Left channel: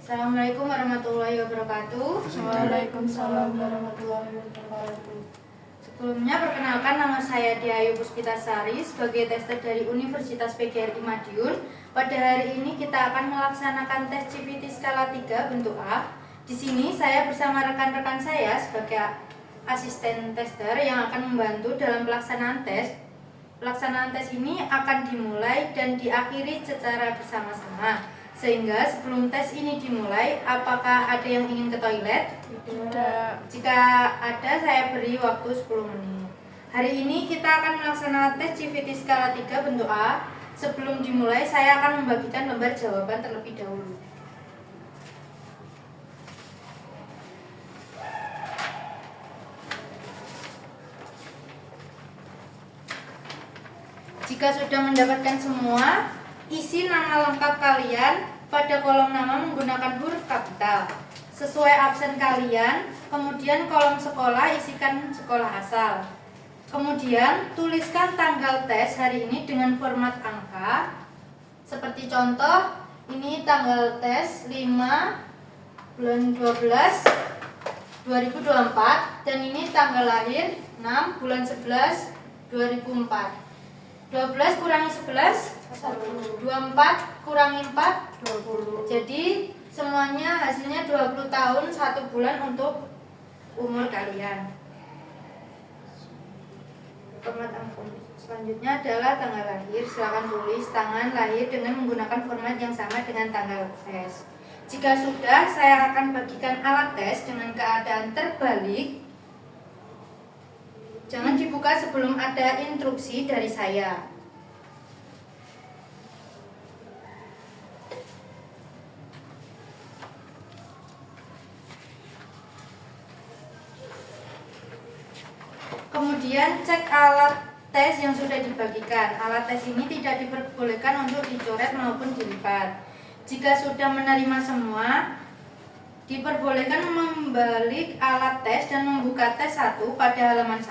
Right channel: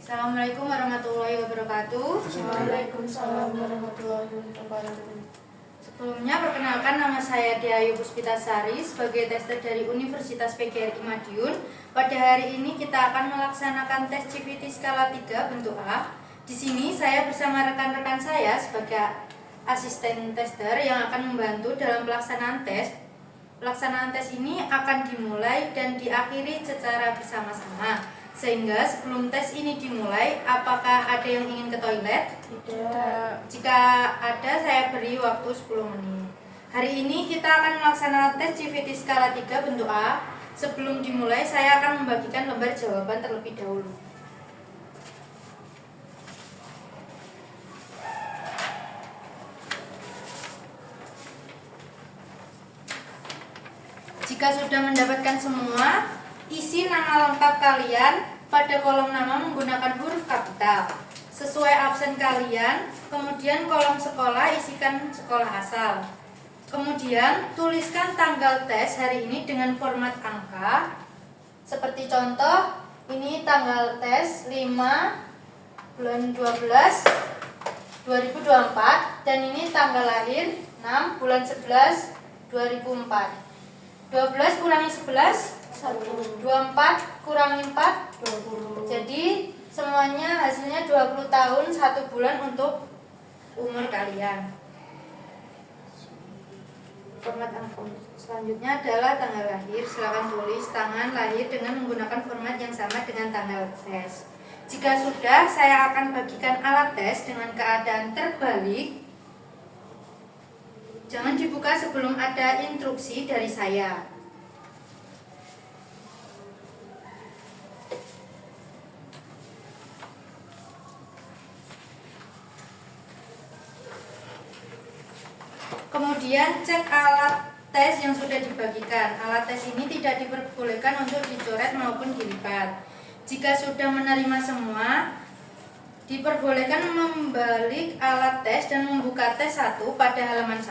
Assalamualaikum warahmatullahi wabarakatuh. Waalaikumsalam warahmatullahi wabarakatuh. Sebelumnya perkenalkan, nama saya Diayu Puspitasari sebagai tester dari Universitas PGRI Madiun. Pada hari ini kita akan melaksanakan tes CPT skala 3 bentuk A. Di sini saya bersama rekan-rekan saya sebagai asisten tester yang akan membantu dalam pelaksanaan tes. Pelaksanaan tes ini akan dimulai dan diakhiri secara bersama-sama. Sehingga sebelum tes ini dimulai, apakah ada yang ingin ke toilet? Tidak. Jika ada, saya beri waktu 10 menit. Hari ini kita akan melaksanakan tes CPT skala 3 bentuk A. Sebelum dimulai, saya akan membagikan lembar jawaban terlebih dahulu. Jika sudah mendapatkan semua, isi nama lengkap kalian pada kolom nama menggunakan huruf kapital sesuai absen kalian. Kemudian kolom sekolah isikan sekolah asal. Kemudian tuliskan tanggal tes hari ini dengan format angka. Seperti contoh, ini tanggal tes 5 bulan 12 2024 dan ini tanggal lahir 6 bulan 11 2004. 12 kurangi 11 1, 24 kurangi 4, 20. jadi semuanya hasilnya 20 tahun 1 bulan untuk umur kalian. Format angka selanjutnya adalah tanggal lahir. Silakan tulis tanggal lahir dengan menggunakan format yang sama dengan tanggal tes. Jika sudah, saya akan bagikan alat tes dengan keadaan terbalik. Jangan dibuka sebelum ada instruksi dari saya. Kemudian cek alat tes yang sudah dibagikan. Alat tes ini tidak diperbolehkan untuk dicoret maupun dilipat. Jika sudah menerima semua, diperbolehkan membalik alat tes dan membuka tes 1 pada halaman 1.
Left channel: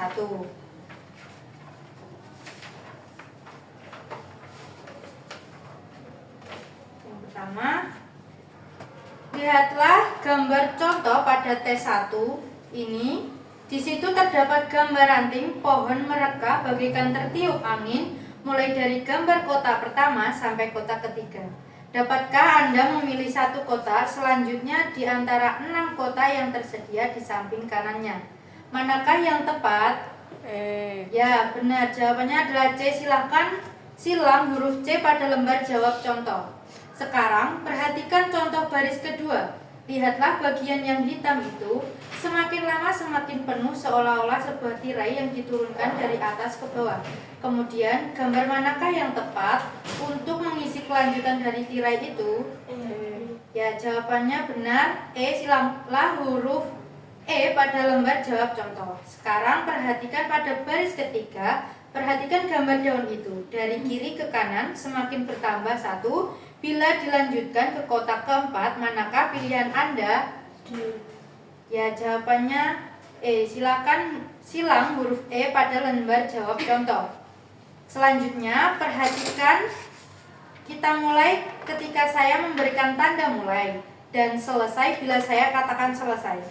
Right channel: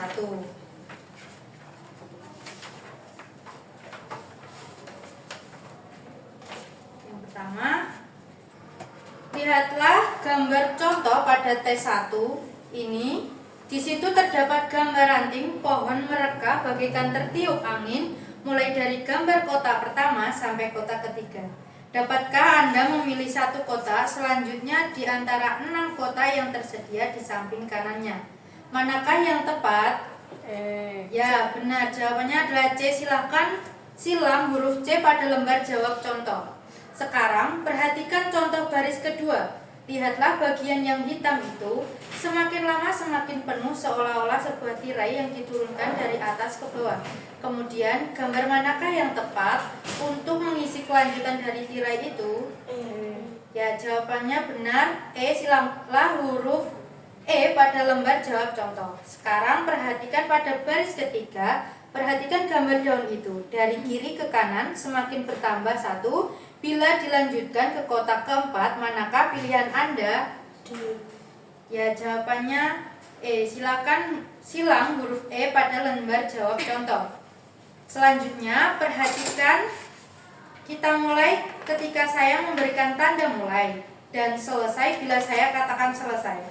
Yang pertama, lihatlah gambar contoh pada tes 1 ini. Di situ terdapat gambar ranting pohon mereka bagaikan tertiup angin mulai dari gambar kota pertama sampai kota ketiga. Dapatkah Anda memilih satu kota selanjutnya di antara 6 kota yang tersedia di samping kanannya? Manakah yang tepat? Ya, benar. Jawabannya adalah C. Silahkan silang huruf C pada lembar jawab contoh. Sekarang perhatikan contoh baris kedua. Lihatlah bagian yang hitam itu, semakin lama semakin penuh seolah-olah sebuah tirai yang diturunkan dari atas ke bawah. Kemudian, gambar manakah yang tepat untuk mengisi kelanjutan dari tirai itu? Ya, jawabannya benar. Silanglah huruf E pada lembar jawab contoh. Sekarang perhatikan pada baris ketiga, perhatikan gambar daun itu. Dari kiri ke kanan semakin bertambah 1. Bila dilanjutkan ke kotak keempat, manakah pilihan Anda? Ya, jawabannya E. Silakan silang huruf E pada lembar jawab contoh. Selanjutnya, perhatikan, kita mulai ketika saya memberikan tanda mulai dan selesai bila saya katakan selesai.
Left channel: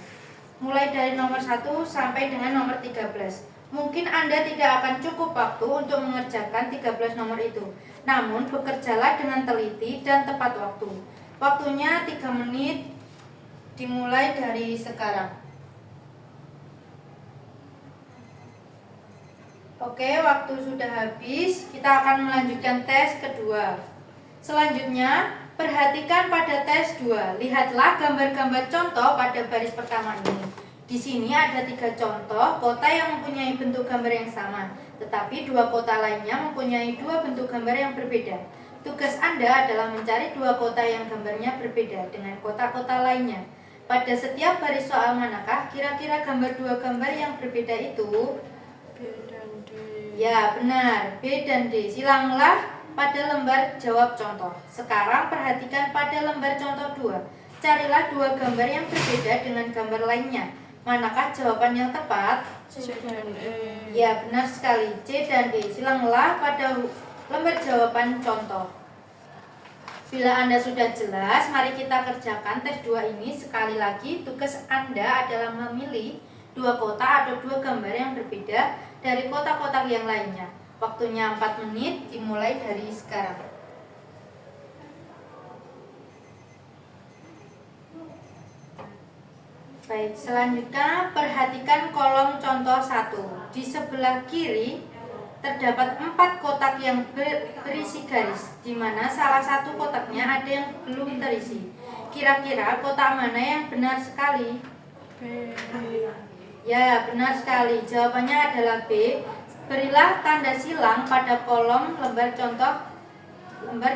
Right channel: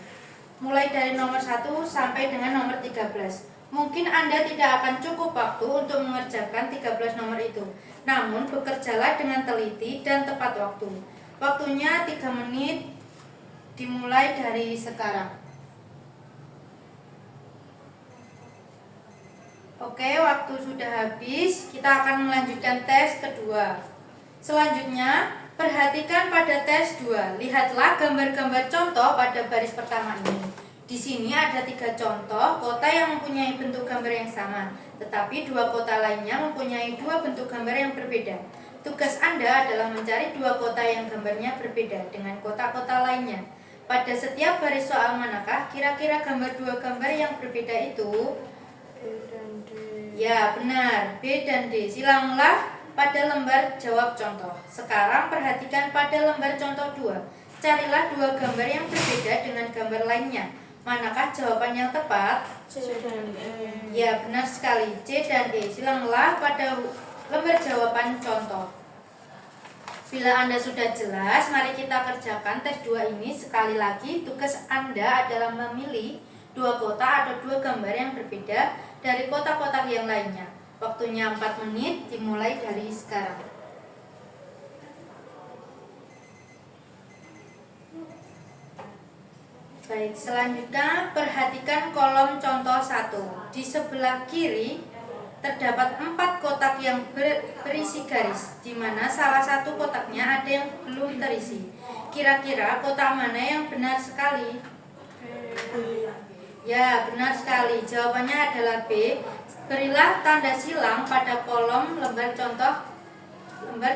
Mulai dari nomor 1 sampai dengan nomor 13. Mungkin Anda tidak akan cukup waktu untuk mengerjakan 13 nomor itu. Namun, bekerjalah dengan teliti dan tepat waktu. Waktunya 3 menit dimulai dari sekarang. Oke, waktu sudah habis. Kita akan melanjutkan tes kedua. Selanjutnya, perhatikan pada tes 2. Lihatlah gambar-gambar contoh pada baris pertama ini. Di sini ada 3 contoh kota yang mempunyai bentuk gambar yang sama, tetapi 2 kota lainnya mempunyai 2 bentuk gambar yang berbeda. Tugas Anda adalah mencari 2 kota yang gambarnya berbeda dengan kota-kota lainnya. Pada setiap baris soal manakah kira-kira gambar 2 gambar yang berbeda itu? B dan D. Ya, benar. B dan D. Silanglah pada lembar jawab contoh. Sekarang perhatikan pada lembar contoh 2. Carilah 2 gambar yang berbeda dengan gambar lainnya. Manakah jawaban yang tepat? C dan E. Ya, benar sekali. C dan E. Silanglah pada lembar jawaban contoh. Bila Anda sudah jelas, mari kita kerjakan tes 2 ini. Sekali lagi, tugas Anda adalah memilih 2 kotak atau 2 gambar yang berbeda dari kotak-kotak yang lainnya. Waktunya 4 menit, dimulai dari sekarang. Baik, selanjutnya perhatikan kolom contoh 1. Di sebelah kiri terdapat 4 kotak yang berisi garis, di mana salah satu kotaknya ada yang belum terisi. Kira-kira kotak mana yang benar sekali? B. Ya, benar sekali. Jawabannya adalah B. Berilah tanda silang pada kolom lembar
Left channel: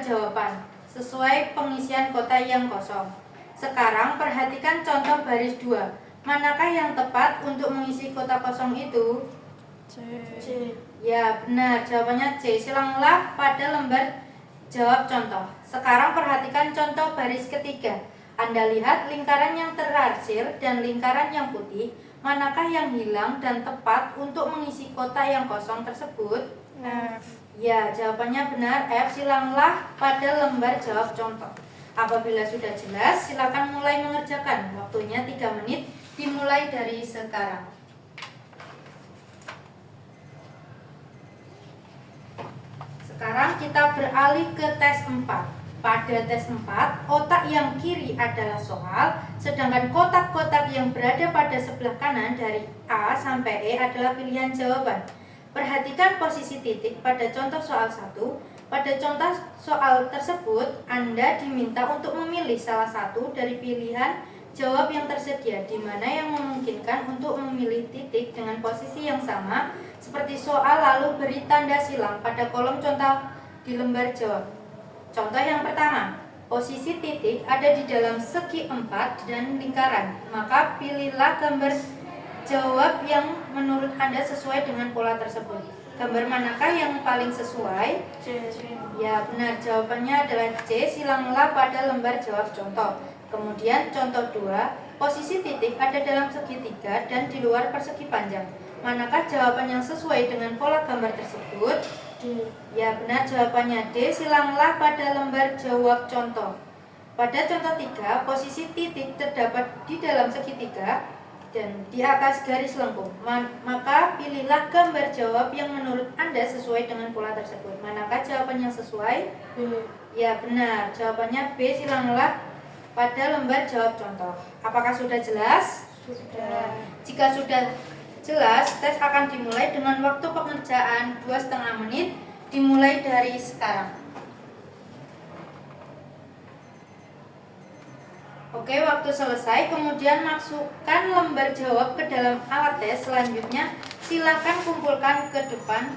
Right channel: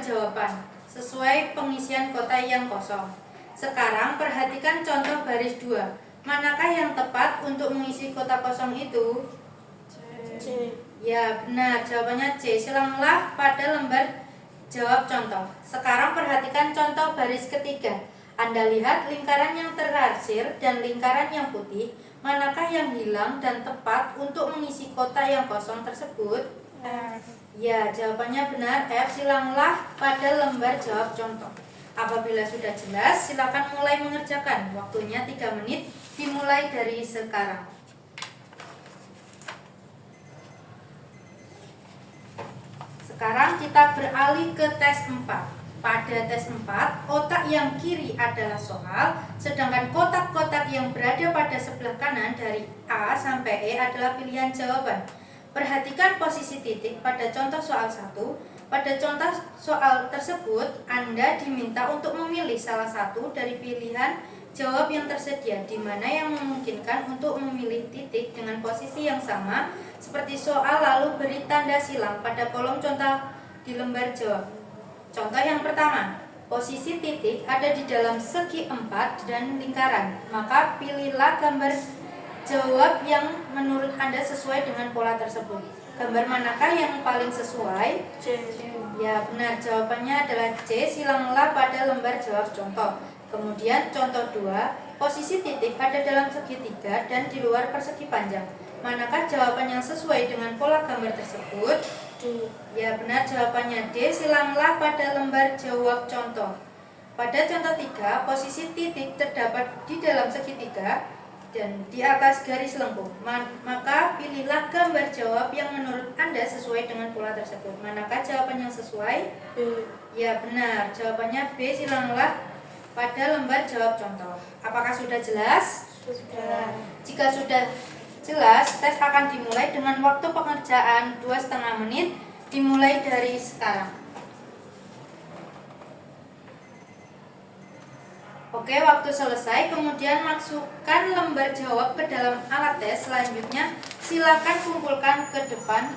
jawaban sesuai pengisian kotak yang kosong. Sekarang perhatikan contoh baris 2. Manakah yang tepat untuk mengisi kotak kosong itu? C. Ya, benar. Jawabannya C. Silanglah pada lembar jawab contoh. Sekarang perhatikan contoh baris ketiga. Anda lihat lingkaran yang terarsir dan lingkaran yang putih. Manakah yang hilang dan tepat untuk mengisi kotak yang kosong tersebut? F. Ya, jawabannya benar. F. Silanglah pada lembar jawab contoh. Apabila sudah jelas, silakan mulai mengerjakan. Waktunya 3 menit, dimulai dari sekarang. Sekarang kita beralih ke tes 4. Pada tes 4, kotak yang kiri adalah soal, sedangkan kotak-kotak yang berada pada sebelah kanan dari A sampai E adalah pilihan jawaban. Perhatikan posisi titik pada contoh soal 1. Pada contoh soal tersebut, Anda diminta untuk memilih salah satu dari pilihan jawab yang tersedia, di mana yang memungkinkan untuk memilih titik dengan posisi yang sama seperti soal, lalu beri tanda silang pada kolom contoh di lembar jawab. Contoh yang pertama, posisi titik ada di dalam segi 4 dan lingkaran, maka pilihlah gambar jawab yang menurut Anda sesuai dengan pola tersebut. Gambar manakah yang paling sesuai? C. Ya, benar. Jawabannya adalah C. Silanglah pada lembar jawab contoh. Kemudian contoh 2, posisi titik ada dalam segitiga dan di luar persegi panjang. Manakah jawaban yang sesuai dengan pola gambar tersebut? D. Ya, benar. Jawabannya D. Silanglah pada lembar jawab contoh. Pada contoh 3, posisi titik terdapat di dalam segitiga dan di atas garis lengkung. Maka pilihlah gambar jawab yang menurut Anda sesuai dengan pola tersebut. Manakah jawaban yang sesuai? B. Ya, benar. Jawabannya B. Silanglah pada lembar jawab contoh. Apakah sudah jelas? Sudah. Jika sudah jelas, tes akan dimulai dengan waktu pengerjaan 2,5 menit, dimulai dari sekarang. Oke, waktu selesai. Kemudian masukkan lembar jawab ke dalam alat tes. Selanjutnya, silakan kumpulkan ke depan.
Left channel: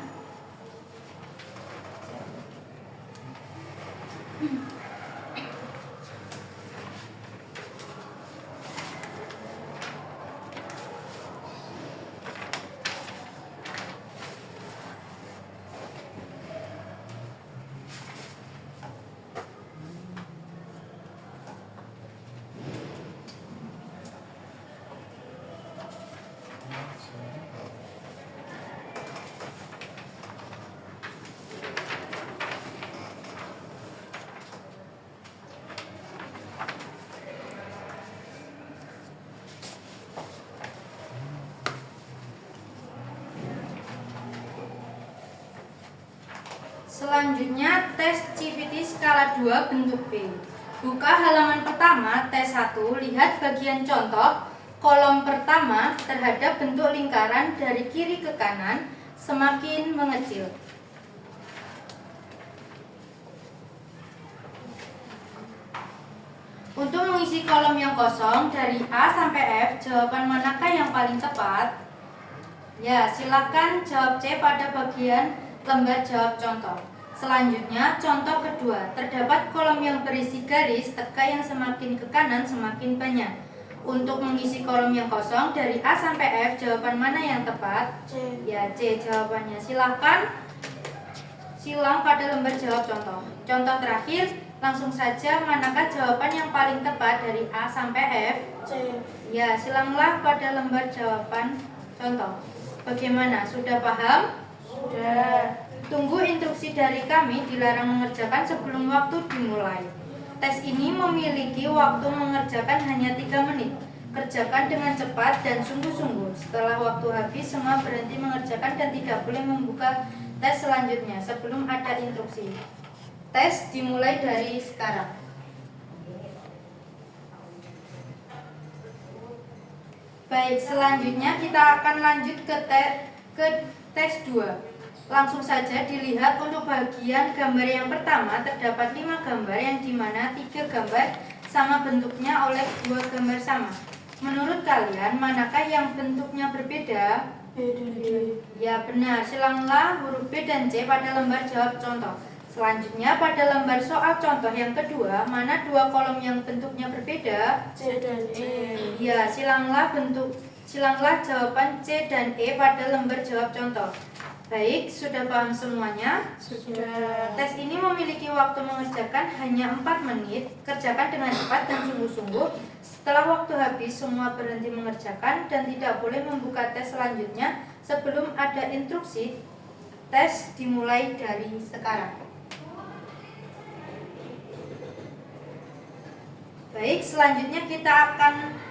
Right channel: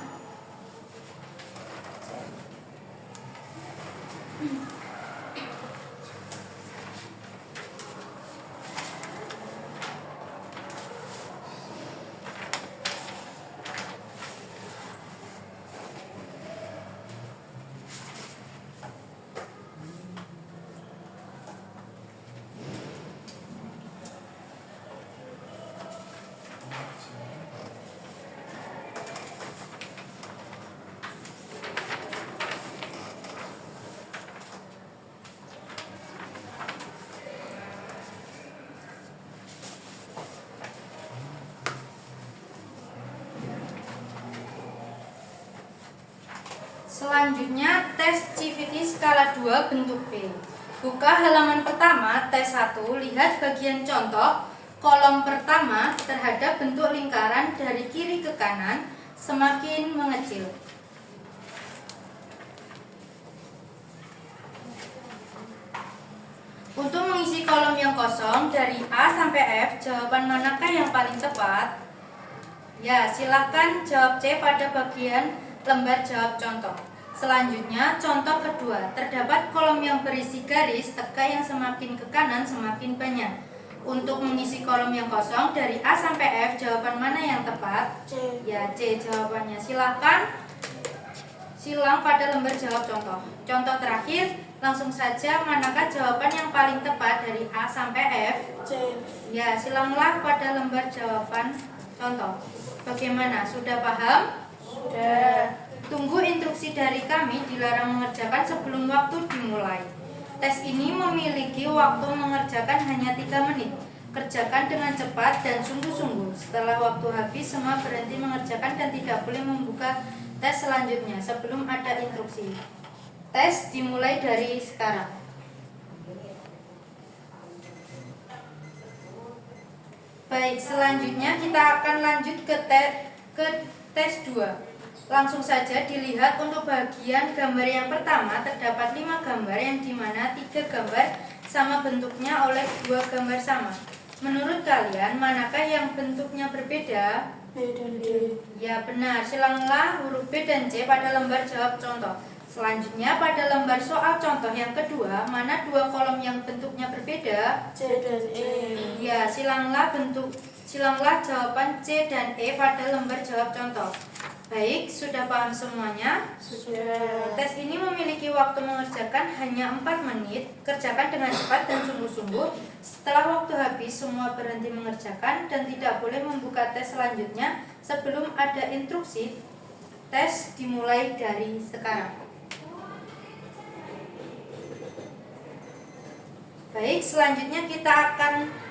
Selanjutnya, tes CVT skala 2 bentuk B. Buka halaman pertama, tes 1, lihat bagian contoh. Kolom pertama terhadap bentuk lingkaran dari kiri ke kanan semakin mengecil. Untuk mengisi kolom yang kosong dari A sampai F, jawaban manakah yang paling tepat? Ya, silakan jawab C pada bagian lembar jawab contoh. Selanjutnya, contoh kedua, terdapat kolom yang berisi garis tegak yang semakin ke kanan semakin banyak. Untuk mengisi kolom yang kosong dari A sampai F, jawaban mana yang tepat? C. Ya, C jawabannya. Silakan silang pada lembar jawab contoh. Contoh terakhir, langsung saja manakah jawaban yang paling tepat dari A sampai F? C. Ya, silanglah pada lembar jawaban contoh. Bagaimana? Sudah paham? Sudah. Tunggu instruksi dari kami, dilarang mengerjakan sebelum waktu dimulai. Tes ini memiliki waktu mengerjakan hanya 3 menit. Kerjakan dengan cepat dan sungguh-sungguh. Setelah waktu habis, semua berhenti mengerjakan dan tidak boleh membuka tes selanjutnya sebelum ada instruksi. Tes dimulai dari sekarang. Baik, selanjutnya kita akan lanjut ke tes 2. Langsung saja dilihat untuk bagian gambar yang pertama terdapat 5 gambar yang dimana 3 gambar sama bentuknya oleh 2 gambar sama. Menurut kalian manakah yang bentuknya berbeda? B dan D. Ya benar, silanglah huruf B dan C pada lembar jawab contoh. Selanjutnya pada lembar soal contoh yang kedua, mana 2 kolom yang bentuknya berbeda? C dan E. Ya, silanglah jawaban C dan E pada lembar jawab contoh. Baik, sudah paham semuanya? Sudah. Tes ini memiliki waktu mengerjakan hanya 4 menit. Kerjakan dengan cepat dan sungguh-sungguh. Setelah waktu habis, semua berhenti mengerjakan dan tidak boleh membuka tes selanjutnya sebelum ada instruksi. Tes dimulai dari sekarang. Baik, selanjutnya kita akan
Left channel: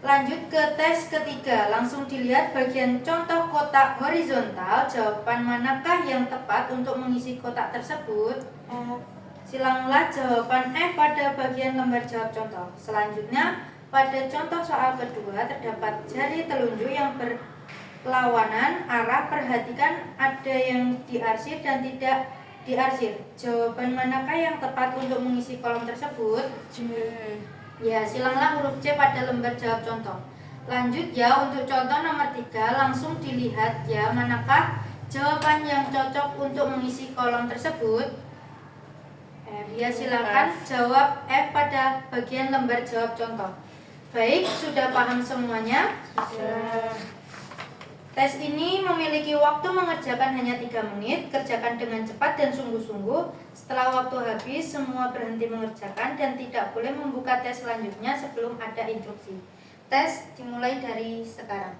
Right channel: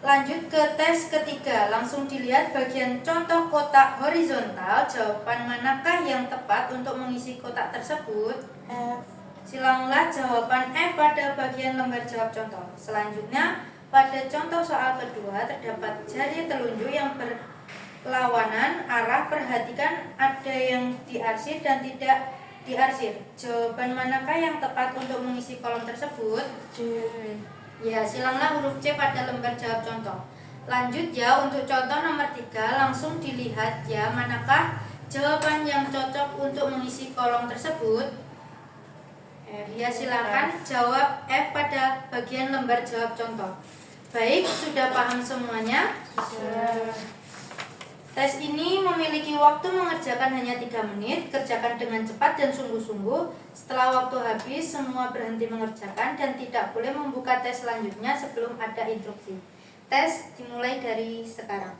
lanjut ke tes ketiga. Langsung dilihat bagian contoh kotak horizontal. Jawaban manakah yang tepat untuk mengisi kotak tersebut? F. Silanglah jawaban F pada bagian lembar jawab contoh. Selanjutnya, pada contoh soal kedua terdapat jari telunjuk yang berlawanan arah. Perhatikan ada yang diarsir dan tidak diarsir. Jawaban manakah yang tepat untuk mengisi kolom tersebut? J. Ya, silanglah huruf C pada lembar jawab contoh. Lanjut ya, untuk contoh nomor 3 langsung dilihat ya manakah jawaban yang cocok untuk mengisi kolom tersebut. Ya, silakan jawab F pada bagian lembar jawab contoh. Baik, sudah paham semuanya? Sudah. Tes ini memiliki waktu mengerjakan hanya 3 menit. Kerjakan dengan cepat dan sungguh-sungguh. Setelah waktu habis, semua berhenti mengerjakan dan tidak boleh membuka tes selanjutnya sebelum ada instruksi. Tes dimulai dari sekarang.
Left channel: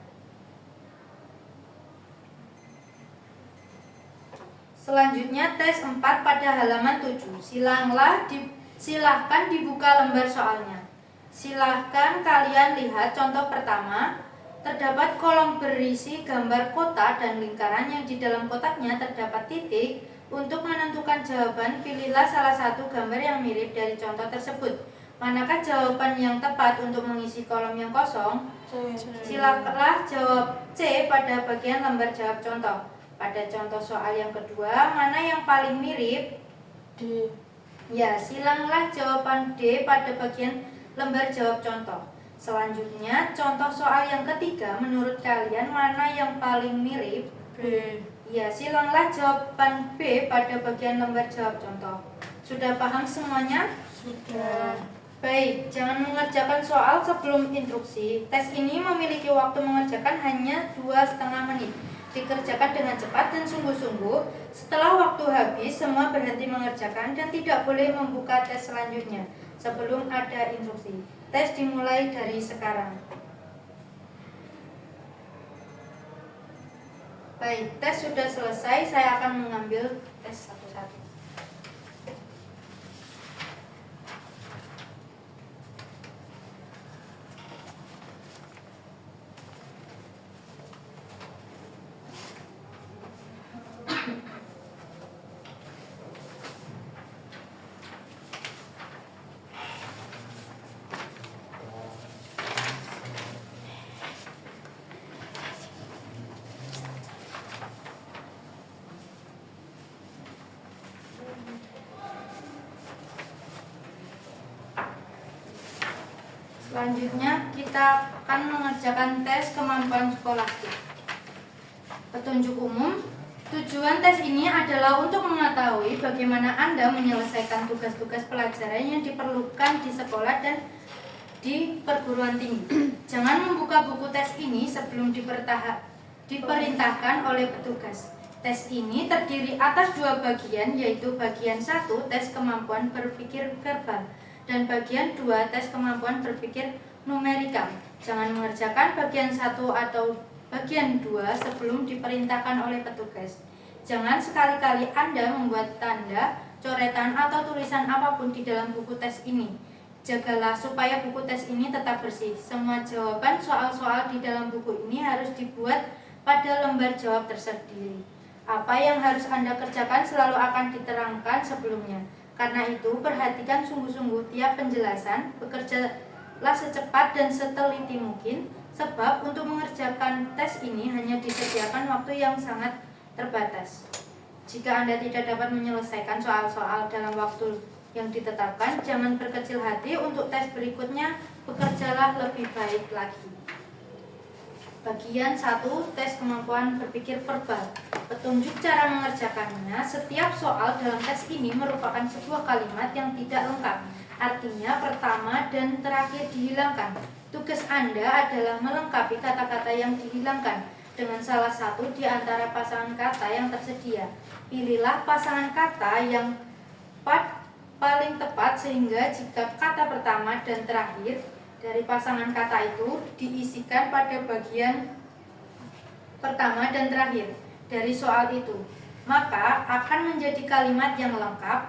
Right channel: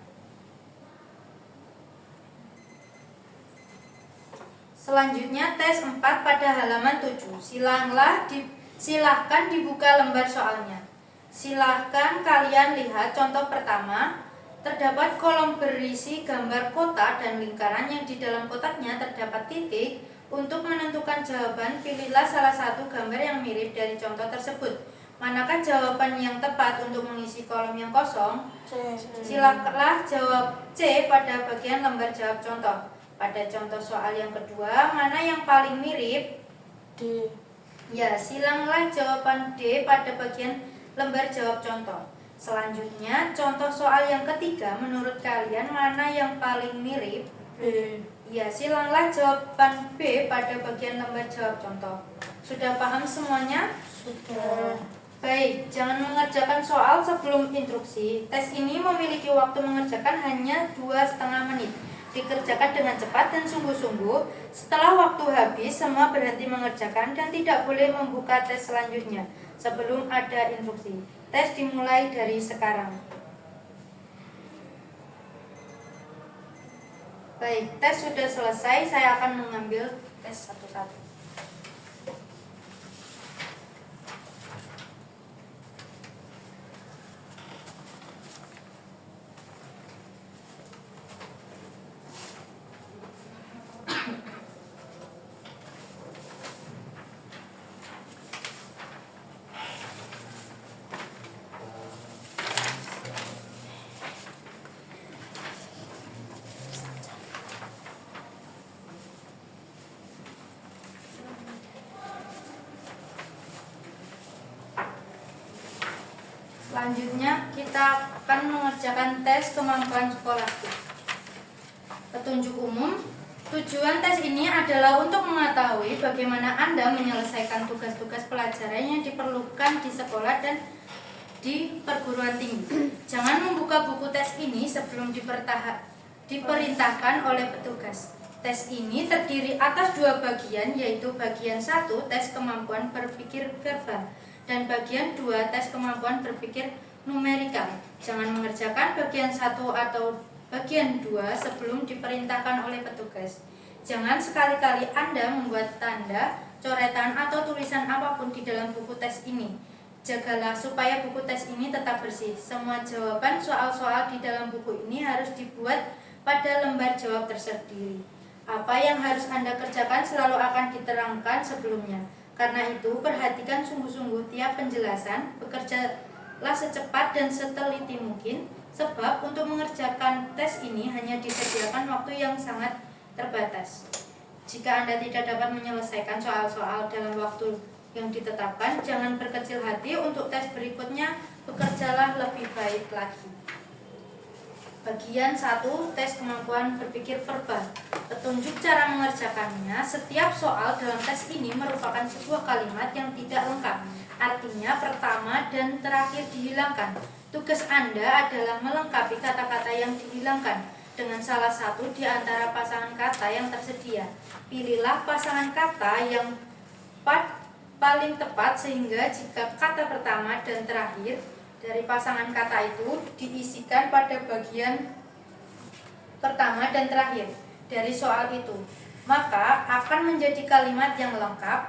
Selanjutnya tes 4 pada halaman 7. Silahkan dibuka lembar soalnya. Silahkan kalian lihat contoh pertama. Terdapat kolom berisi gambar kotak dan lingkaran yang di dalam kotaknya terdapat titik. Untuk menentukan jawaban, pilihlah salah satu gambar yang mirip dari contoh tersebut. Manakah jawaban yang tepat untuk mengisi kolom yang kosong? C. Silakanlah jawab C pada bagian lembar jawab contoh. Pada contoh soal yang kedua, mana yang paling mirip? D. Ya, silanglah jawaban D pada bagian lembar jawab contoh. Selanjutnya, contoh soal yang ketiga, menurut kalian mana yang paling mirip? B. Ya, silanglah jawaban B pada bagian lembar jawab contoh. Sudah paham semuanya? Sudah. Baik, jangan mengerjakan soal sebelum instruksi. Tes ini memiliki waktu mengerjakan hanya 2,5 menit. Dikerjakan dengan cepat dan sungguh-sungguh. Setelah waktu habis, semua berhenti mengerjakan dan tidak boleh membuka tes selanjutnya sebelum ada instruksi. Tes dimulai dari sekarang. Baik, tes sudah selesai. Saya akan mengambil tes satu-satu. Selanjutnya kita akan mengerjakan tes kemampuan skolastik. Petunjuk umum. Tujuan tes ini adalah untuk mengetahui bagaimana Anda menyelesaikan tugas-tugas pelajaran yang diperlukan di sekolah dan di perguruan tinggi. Jangan membuka buku tes ini sebelum diperintahkan oleh petugas. Tes ini terdiri atas 2 bagian, yaitu bagian 1 tes kemampuan berpikir verbal dan bagian 2 tes kemampuan berpikir numerikal. Jangan mengerjakan bagian 1 atau bagian 2 sebelum diperintahkan oleh petugas. Jangan sekali-kali Anda membuat tanda coretan atau tulisan apapun di dalam buku tes ini. Jagalah supaya buku tes ini tetap bersih. Semua jawaban soal-soal di dalam buku ini harus dibuat pada lembar jawab tersendiri. Apa yang harus Anda kerjakan selalu akan diterangkan sebelumnya. Karena itu, perhatikan sungguh-sungguh tiap penjelasan, bekerjalah secepat dan seteliti mungkin, sebab untuk mengerjakan tes ini hanya disediakan waktu yang sangat terbatas. Jika Anda tidak dapat menyelesaikan soal-soal dalam waktu yang ditetapkan, jangan berkecil hati. Untuk tes berikutnya, bekerjalah lebih baik lagi. Bagian 1, tes kemampuan berpikir verbal. Petunjuk cara mengerjakannya. Setiap soal dalam tes ini merupakan sebuah kalimat yang tidak lengkap. Artinya pertama dan terakhir dihilangkan. Tugas Anda adalah melengkapi kata-kata yang dihilangkan dengan salah satu di antara pasangan kata yang tersedia. Pilihlah pasangan kata yang paling tepat sehingga jika kata pertama dan terakhir dari pasangan kata itu diisikan pada bagian pertama dan terakhir dari soal itu, maka akan menjadi kalimat yang lengkap,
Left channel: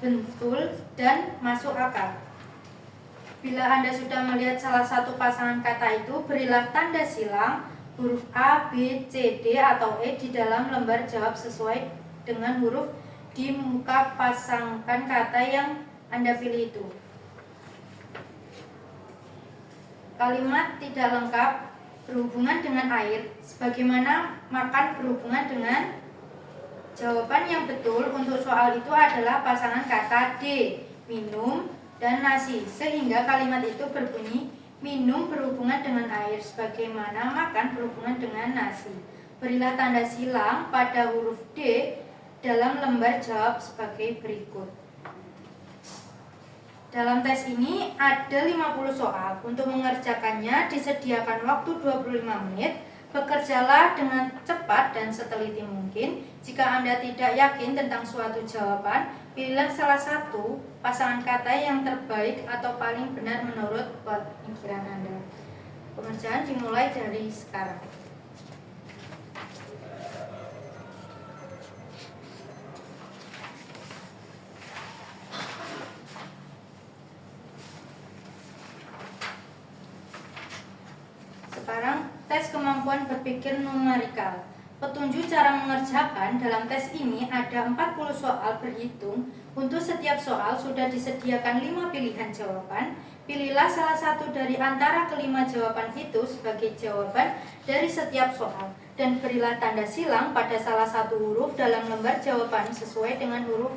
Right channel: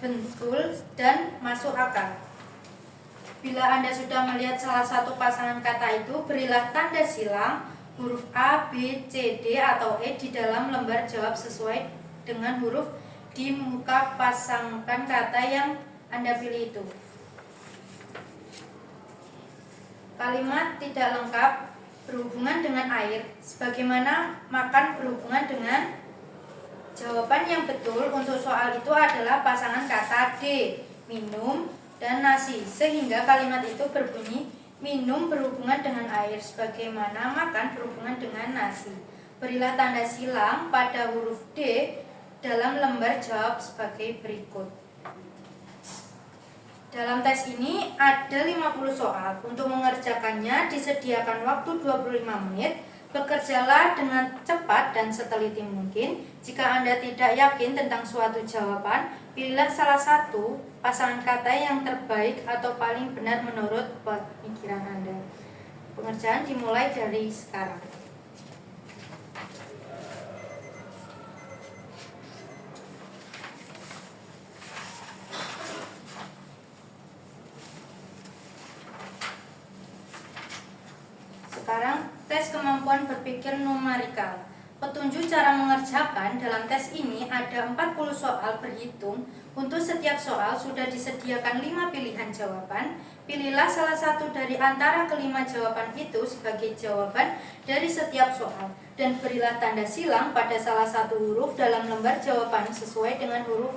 betul, dan masuk akal. Bila Anda sudah melihat salah satu pasangan kata itu, berilah tanda silang huruf A, B, C, D, atau E di dalam lembar jawab sesuai dengan huruf di muka pasangan kata yang Anda pilih itu. Kalimat tidak lengkap berhubungan dengan air, sebagaimana makan berhubungan dengan jawaban yang betul untuk soal itu adalah pasangan kata D, minum, dan nasi, sehingga kalimat itu berbunyi minum berhubungan dengan air, sebagaimana makan berhubungan dengan nasi. Berilah tanda silang pada huruf D dalam lembar jawab sebagai berikut. Dalam tes ini ada 50 soal. Untuk mengerjakannya disediakan waktu 25 menit. Bekerjalah dengan cepat dan seteliti mungkin. Jika Anda tidak yakin tentang suatu jawaban, pilihlah salah satu pasangan kata yang terbaik atau paling benar menurut pemikiran Anda. Pengerjaan dimulai dari sekarang. Sekarang tes kemampuan berpikir numerikal. Petunjuk cara mengerjakan. Dalam tes ini ada 40 soal berhitung. Untuk setiap soal sudah disediakan 5 pilihan jawaban. Pilihlah salah satu dari antara kelima jawaban itu sebagai jawaban dari setiap soal, dan berilah tanda silang pada salah satu huruf dalam lembar jawaban sesuai dengan huruf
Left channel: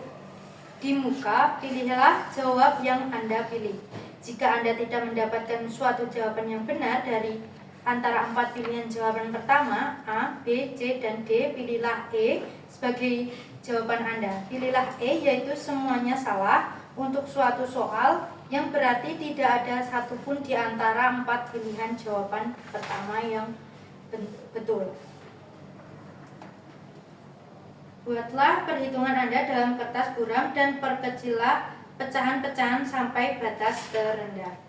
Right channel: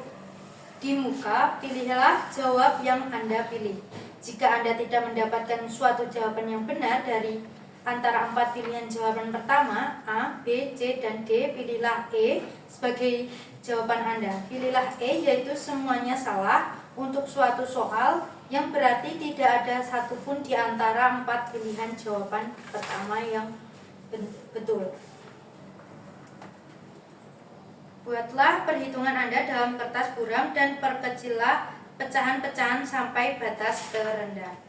di muka. Pilihlah jawab yang Anda pilih. Jika Anda tidak mendapatkan suatu jawaban yang benar dari antara 4 pilihan jawaban pertama, A, B, C, dan D, pilihlah E sebagai jawaban Anda. Pilihlah E, yaitu semuanya salah untuk suatu soal, yang berarti tidak ada satupun di antara 4 pilihan jawaban pertama yang betul. Buatlah perhitungan Anda dalam kertas buram dan perkecillah pecahan-pecahan sampai batas terendah.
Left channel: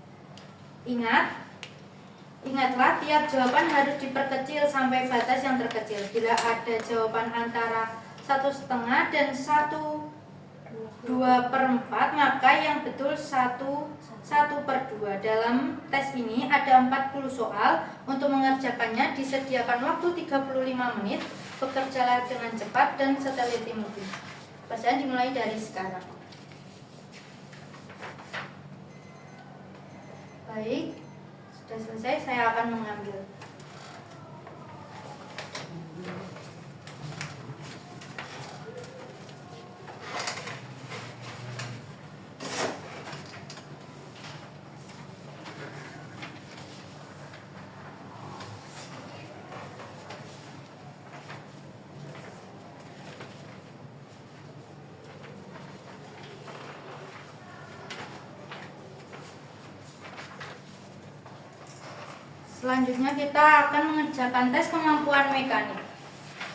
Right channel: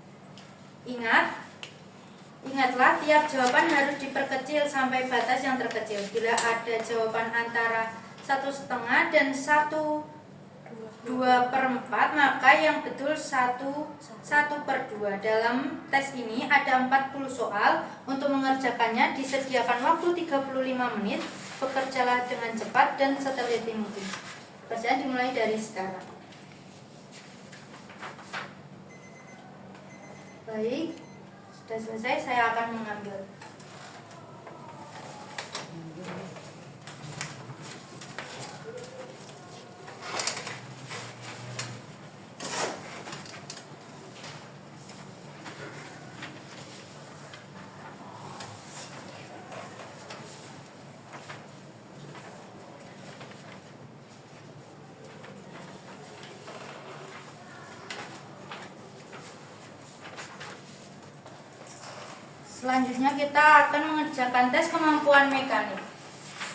Ingatlah, tiap jawaban harus diperkecil sampai batas yang terkecil. Bila ada jawaban antara 1,5 dan 1/2/4, maka yang betul 1/2. Dalam tes ini ada 40 soal. Untuk mengerjakannya disediakan waktu 35 menit. Bekerjalah dengan cepat dan seteliti mungkin. Pekerjaan dimulai dari sekarang. Baik, sudah selesai, saya akan mengambil. Selanjutnya kita akan mengerjakan tes kemampuan mekanik.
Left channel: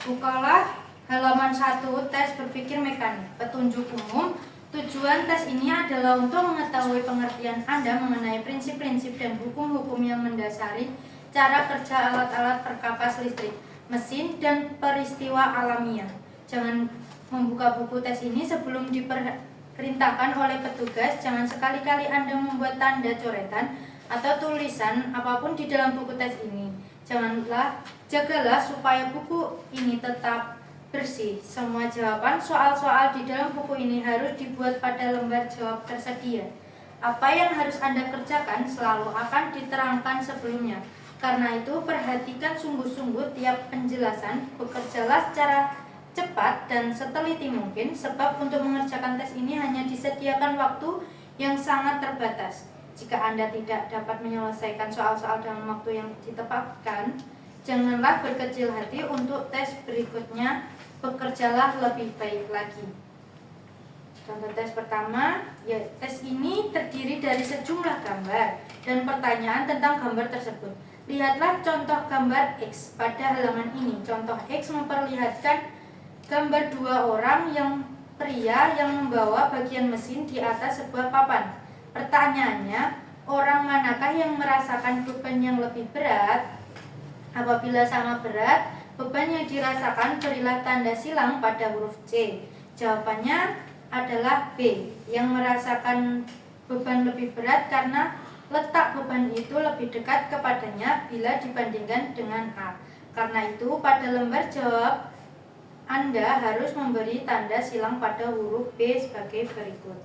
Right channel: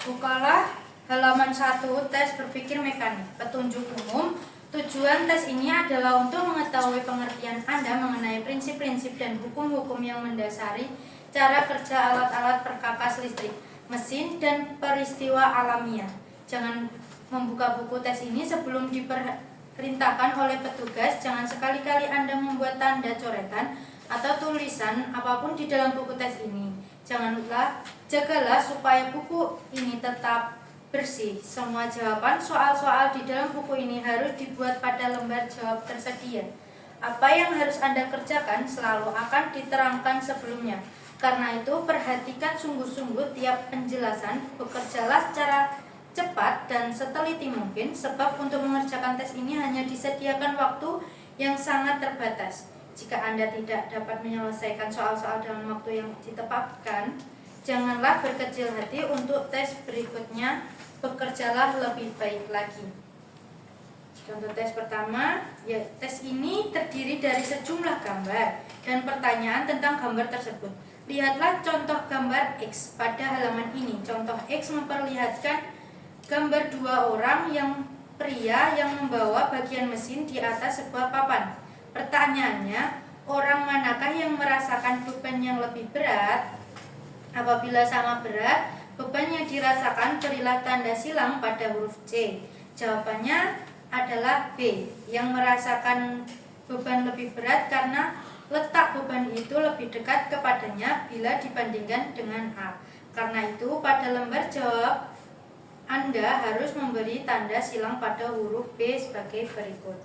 Bukalah halaman 1, tes berpikir mekanik. Petunjuk umum. Tujuan tes ini adalah untuk mengetahui pengertian Anda mengenai prinsip-prinsip dan hukum-hukum yang mendasari cara kerja alat-alat perkakas listrik, mesin, dan peristiwa alamiah. Jangan membuka buku tes ini sebelum diperintahkan oleh petugas. Jangan sekali-kali Anda membuat tanda coretan atau tulisan apapun di dalam buku tes ini. Jagalah supaya buku ini tetap bersih. Semua jawaban soal-soal di dalam buku ini harus dibuat pada lembar jawab tersedia. Apa yang harus Anda kerjakan selalu akan diterangkan sebelumnya. Karena itu, perhatikan sungguh-sungguh tiap penjelasan, bekerjalah secara cepat dan seteliti mungkin, sebab untuk mengerjakan tes ini hanya disediakan waktu yang sangat terbatas. Jika Anda tidak dapat menyelesaikan soal-soal dalam waktu yang ditetapkan, janganlah berkecil hati. Untuk tes berikutnya, bekerjalah lebih baik lagi. Contoh tes pertama, ya, tes ini terdiri dari sejumlah gambar dan pertanyaan tentang gambar tersebut. Lihatlah contoh gambar X pada halaman ini. Contoh X memperlihatkan gambar dua orang yang pria yang membawa bagian mesin di atas sebuah papan. Pertanyaannya, orang manakah yang merasakan beban yang lebih berat? Apabila sama berat beban yang dirasakan, berilah tanda silang pada huruf C. Jawabannya adalah B, yang merasakan beban lebih berat karena letak beban itu lebih dekat kepadanya bila dibandingkan dengan A. Karena itu, pada lembar jawab Anda harus memberi tanda silang pada huruf B sebagai berikut.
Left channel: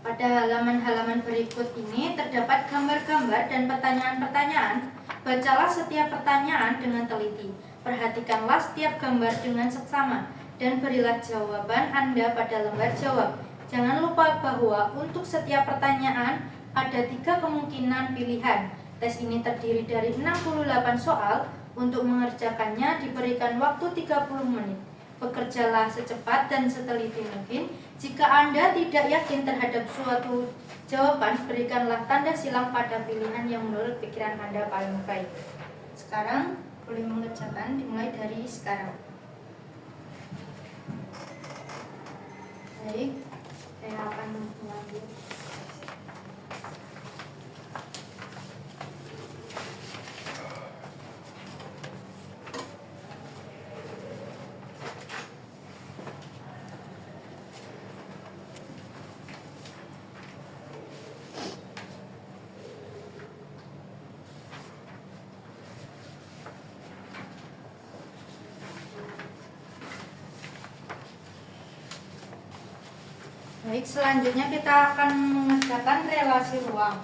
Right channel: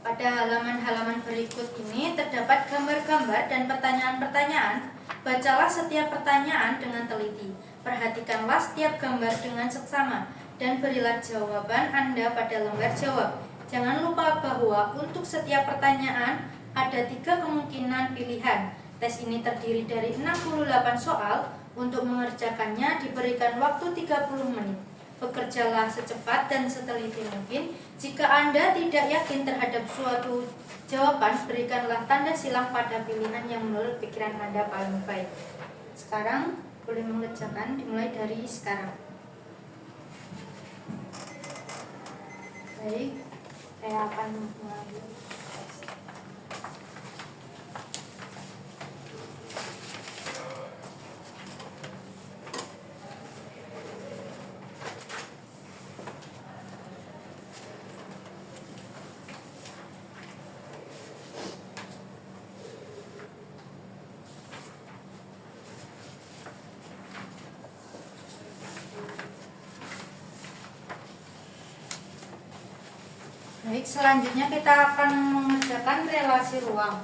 Pada halaman-halaman berikut ini terdapat gambar-gambar dan pertanyaan-pertanyaan. Bacalah setiap pertanyaan dengan teliti. Perhatikanlah setiap gambar dengan seksama dan berilah jawaban Anda pada lembar jawab. Jangan lupa bahwa untuk setiap pertanyaan ada 3 kemungkinan pilihan. Tes ini terdiri dari 68 soal. Untuk mengerjakannya diberikan waktu 30 menit. Bekerjalah secepat dan seteliti mungkin. Jika Anda tidak yakin terhadap suatu jawaban, berikanlah tanda silang pada pilihan yang menurut pikiran Anda paling baik. Sekarang boleh mengerjakan dimulai dari sekarang. Baik, saya akan mulai. Baik, selanjutnya kita akan mengerjakan relasi ruang.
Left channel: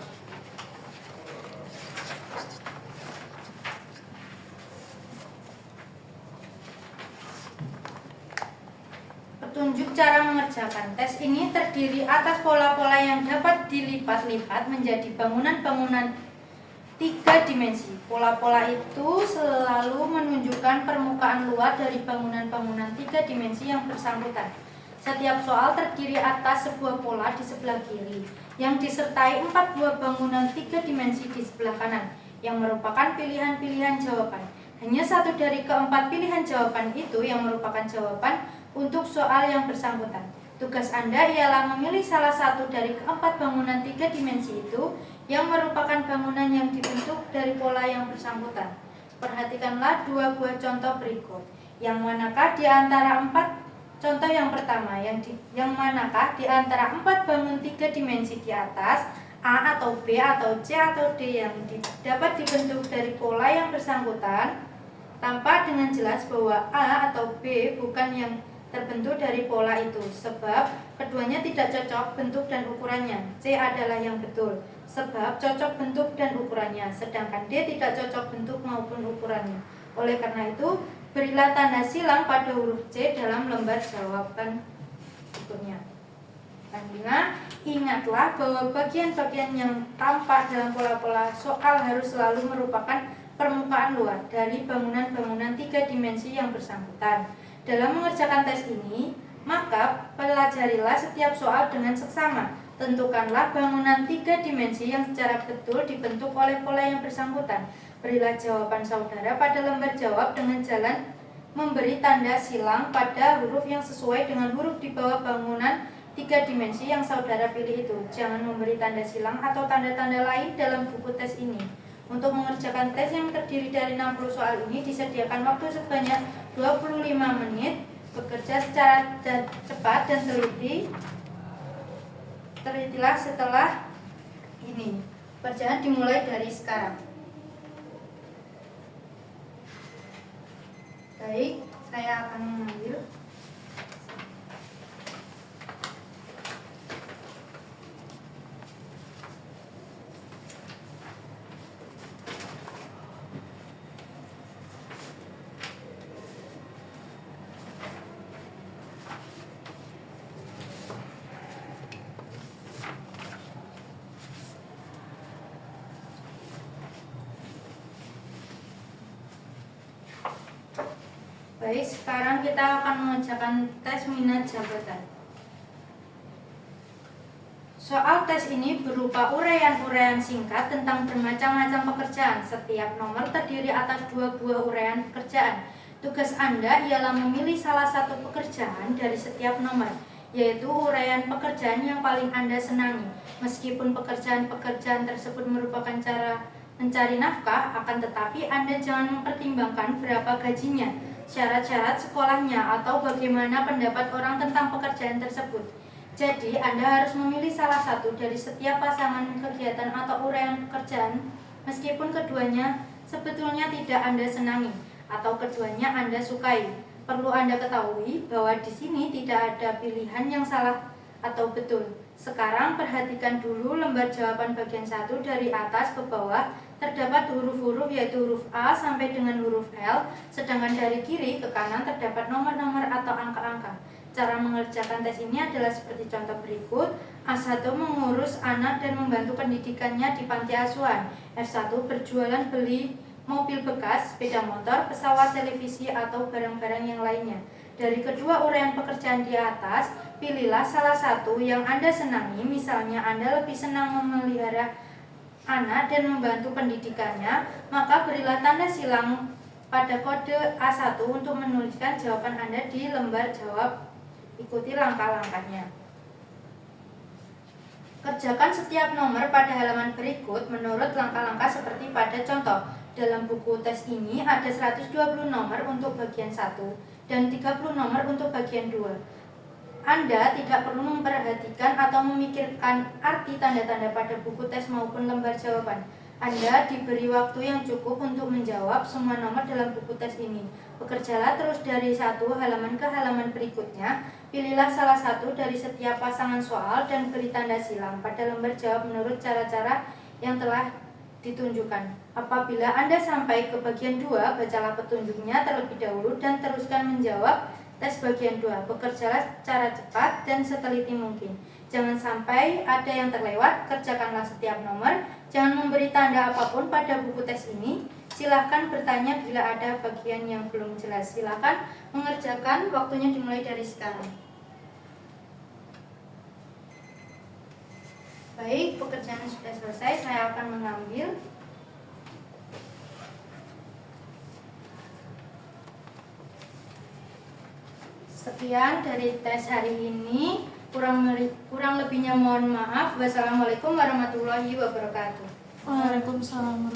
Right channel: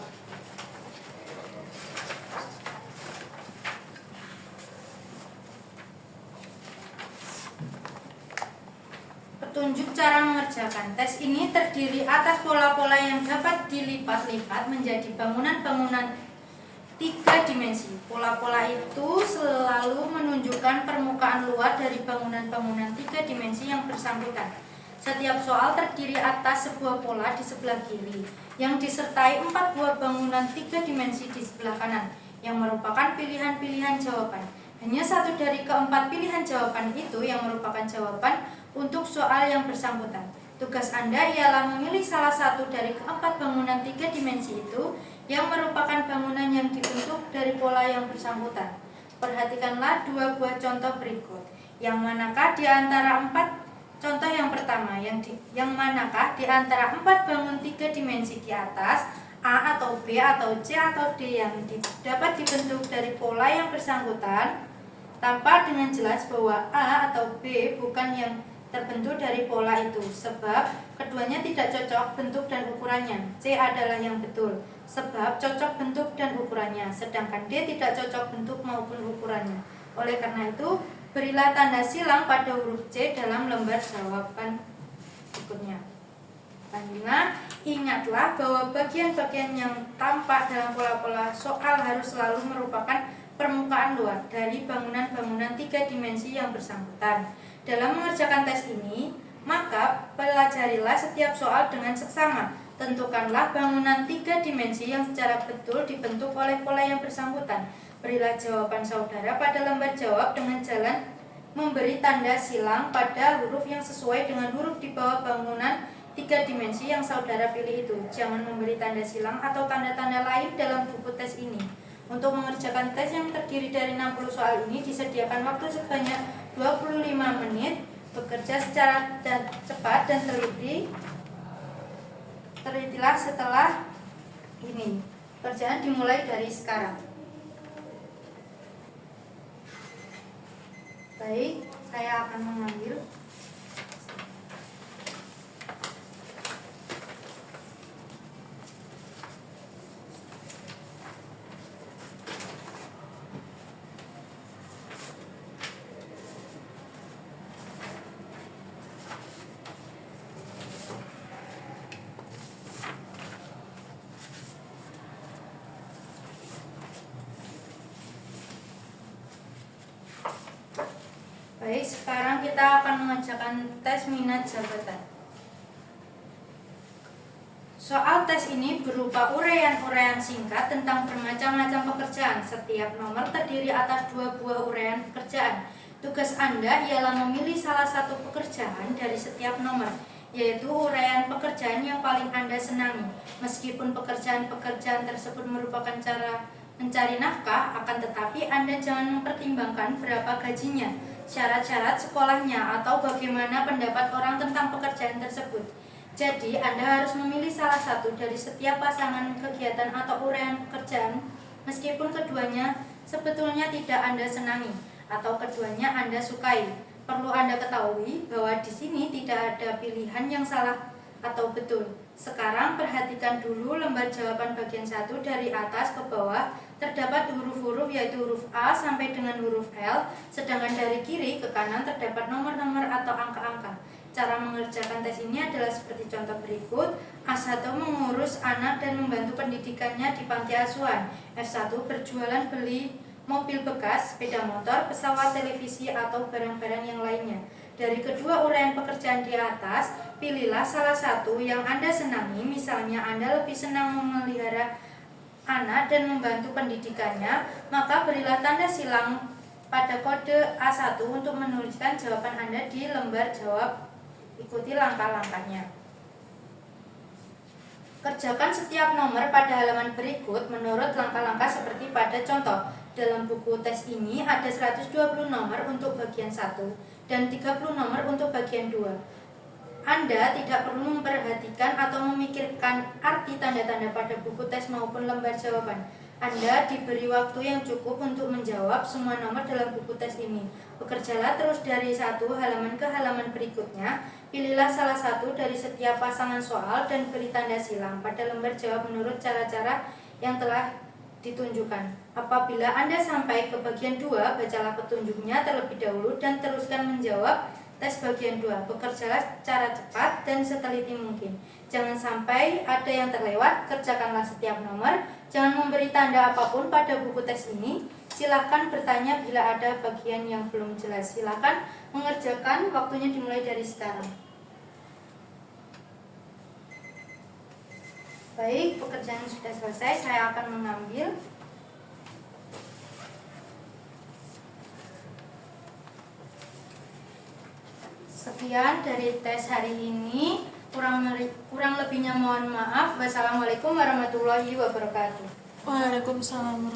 Petunjuk cara mengerjakan. Tes ini terdiri atas pola-pola yang dapat dilipat-lipat menjadi bangunan-bangunan 3 dimensi. Pola-pola itu selalu menunjukkan permukaan luar dari bangunan-bangunan 3 dimensi yang bersangkutan. Setiap soal terdiri atas sebuah pola di sebelah kiri yang disertai 4 buah bangunan 3 dimensi di sebelah kanan yang merupakan pilihan-pilihan jawaban. Hanya satu dari keempat pilihan jawaban itu yang merupakan jawaban untuk soal yang bersangkutan. Tugas Anda ialah memilih salah satu dari keempat bangunan 3 dimensi itu yang merupakan bangunan yang dibentuk dari pola yang bersangkutan. Perhatikanlah 2 buah contoh berikut. Yang manakah di antara 4 contoh yang pertama, yang manakah di antara 4 bangun 3 dimensi di atas, A atau B atau C atau D yang dapat dibentuk dari pola yang bersangkutan? Tampak dengan jelas bahwa A atau B bukan yang terbentuk dari pola itu, sebab keduanya tidak cocok bentuk dan ukurannya. C adalah yang betul, sebab cocok bentuk dan ukurannya, sedangkan D tidak cocok bentuk maupun ukurannya. Oleh karena itu, berilah tanda silang pada huruf C dalam lembar jawaban berikutnya. Selanjutnya, ingatlah bahwa bagian-bagian yang tampak dalam pola-pola soal harus selalu merupakan permukaan luar dari bangunan-bangunan 3 dimensi yang bersangkutan. Dalam mengerjakan tes ini, maka pelajarilah setiap soal dengan seksama. Tentukanlah bangunan 3 dimensi yang secara betul dibentuk oleh pola yang bersangkutan. Berilah jawaban saudara pada lembar jawab dengan jalan memberi tanda silang pada huruf yang sesuai dengan huruf di bawah bangunan 3 dimensi yang saudara pilih itu. Jangan memberi tanda silang atau tanda-tanda lain dalam buku tes ini. Untuk mengerjakan tes yang terdiri dari 60 soal ini disediakan waktu sebanyak 25 menit. bekerja secara cepat dan teliti. Telitilah setelah ini. Pekerjaan dimulai dari sekarang. Baik, saya akan mengambil. Baik, sekarang kita akan mengerjakan tes minat jabatan. Soal tes ini berupa uraian-uraian singkat tentang bermacam-macam pekerjaan. Setiap nomor terdiri atas 2 buah uraian pekerjaan. Tugas Anda ialah memilih salah satu pekerjaan dari setiap nomor, yaitu uraian pekerjaan yang paling Anda senangi. Meskipun pekerjaan-pekerjaan tersebut merupakan cara mencari nafkah, akan tetapi Anda jangan mempertimbangkan berapa gajinya, syarat-syarat sekolahnya, atau bagaimana pendapat orang tentang pekerjaan tersebut. Jadi, Anda harus memilih salah satu dari setiap pasangan kegiatan atau uraian pekerjaan, meskipun keduanya sebetulnya tidak Anda senangi, atau keduanya Anda sukai. Perlu Anda ketahui bahwa di sini tidak ada pilihan yang salah atau betul. Sekarang perhatikan dulu lembar jawaban bagian 1 dari atas ke bawah. Terdapat huruf-huruf yaitu huruf A sampai dengan huruf L, sedangkan dari kiri ke kanan terdapat nomor-nomor atau angka-angka. Cara mengerjakan tes ini adalah seperti contoh berikut. A1 mengurus anak dan membantu pendidikannya di panti asuhan. F1 berjualan beli mobil bekas, sepeda motor, pesawat, televisi, atau barang-barang yang lainnya. Dari kedua uraian pekerjaan di atas, pilihlah salah satu yang Anda senangi. Misalnya Anda lebih senang memelihara anak dan membantu pendidikannya, maka berilah tanda silang pada kode A1 untuk menuliskan jawaban Anda di lembar jawab. Ikuti langkah-langkahnya. Kerjakan setiap nomor pada halaman berikut menurut langkah-langkah seperti pada contoh. Dalam buku tes ini ada 120 nomor untuk bagian 1 dan 30 nomor untuk bagian 2. Anda tidak perlu memperhatikan atau memikirkan arti tanda-tanda pada buku tes maupun lembar jawaban. Anda diberi waktu yang cukup untuk menjawab semua nomor dalam buku tes ini. Bekerjalah terus dari satu halaman ke halaman berikutnya. Pilihlah salah satu dari setiap pasangan soal dan beri tanda silang pada lembar jawab menurut cara-cara yang telah ditunjukkan. Apabila Anda sampai ke bagian 2, bacalah petunjuknya terlebih dahulu dan teruskan menjawab tes bagian 2. Bekerjalah secara cepat dan seteliti mungkin. Jangan sampai ada yang terlewat. Kerjakanlah setiap nomor. Jangan memberi tanda apapun pada buku tes ini. Silahkan bertanya bila ada bagian yang belum jelas. Silahkan mengerjakan. Waktunya dimulai dari sekarang. Baik, pekerjaan sudah selesai. Saya akan mengambil. Sekian dari tes hari ini. Kurang lebihnya mohon maaf. Wassalamualaikum warahmatullahi wabarakatuh. Waalaikumsalam.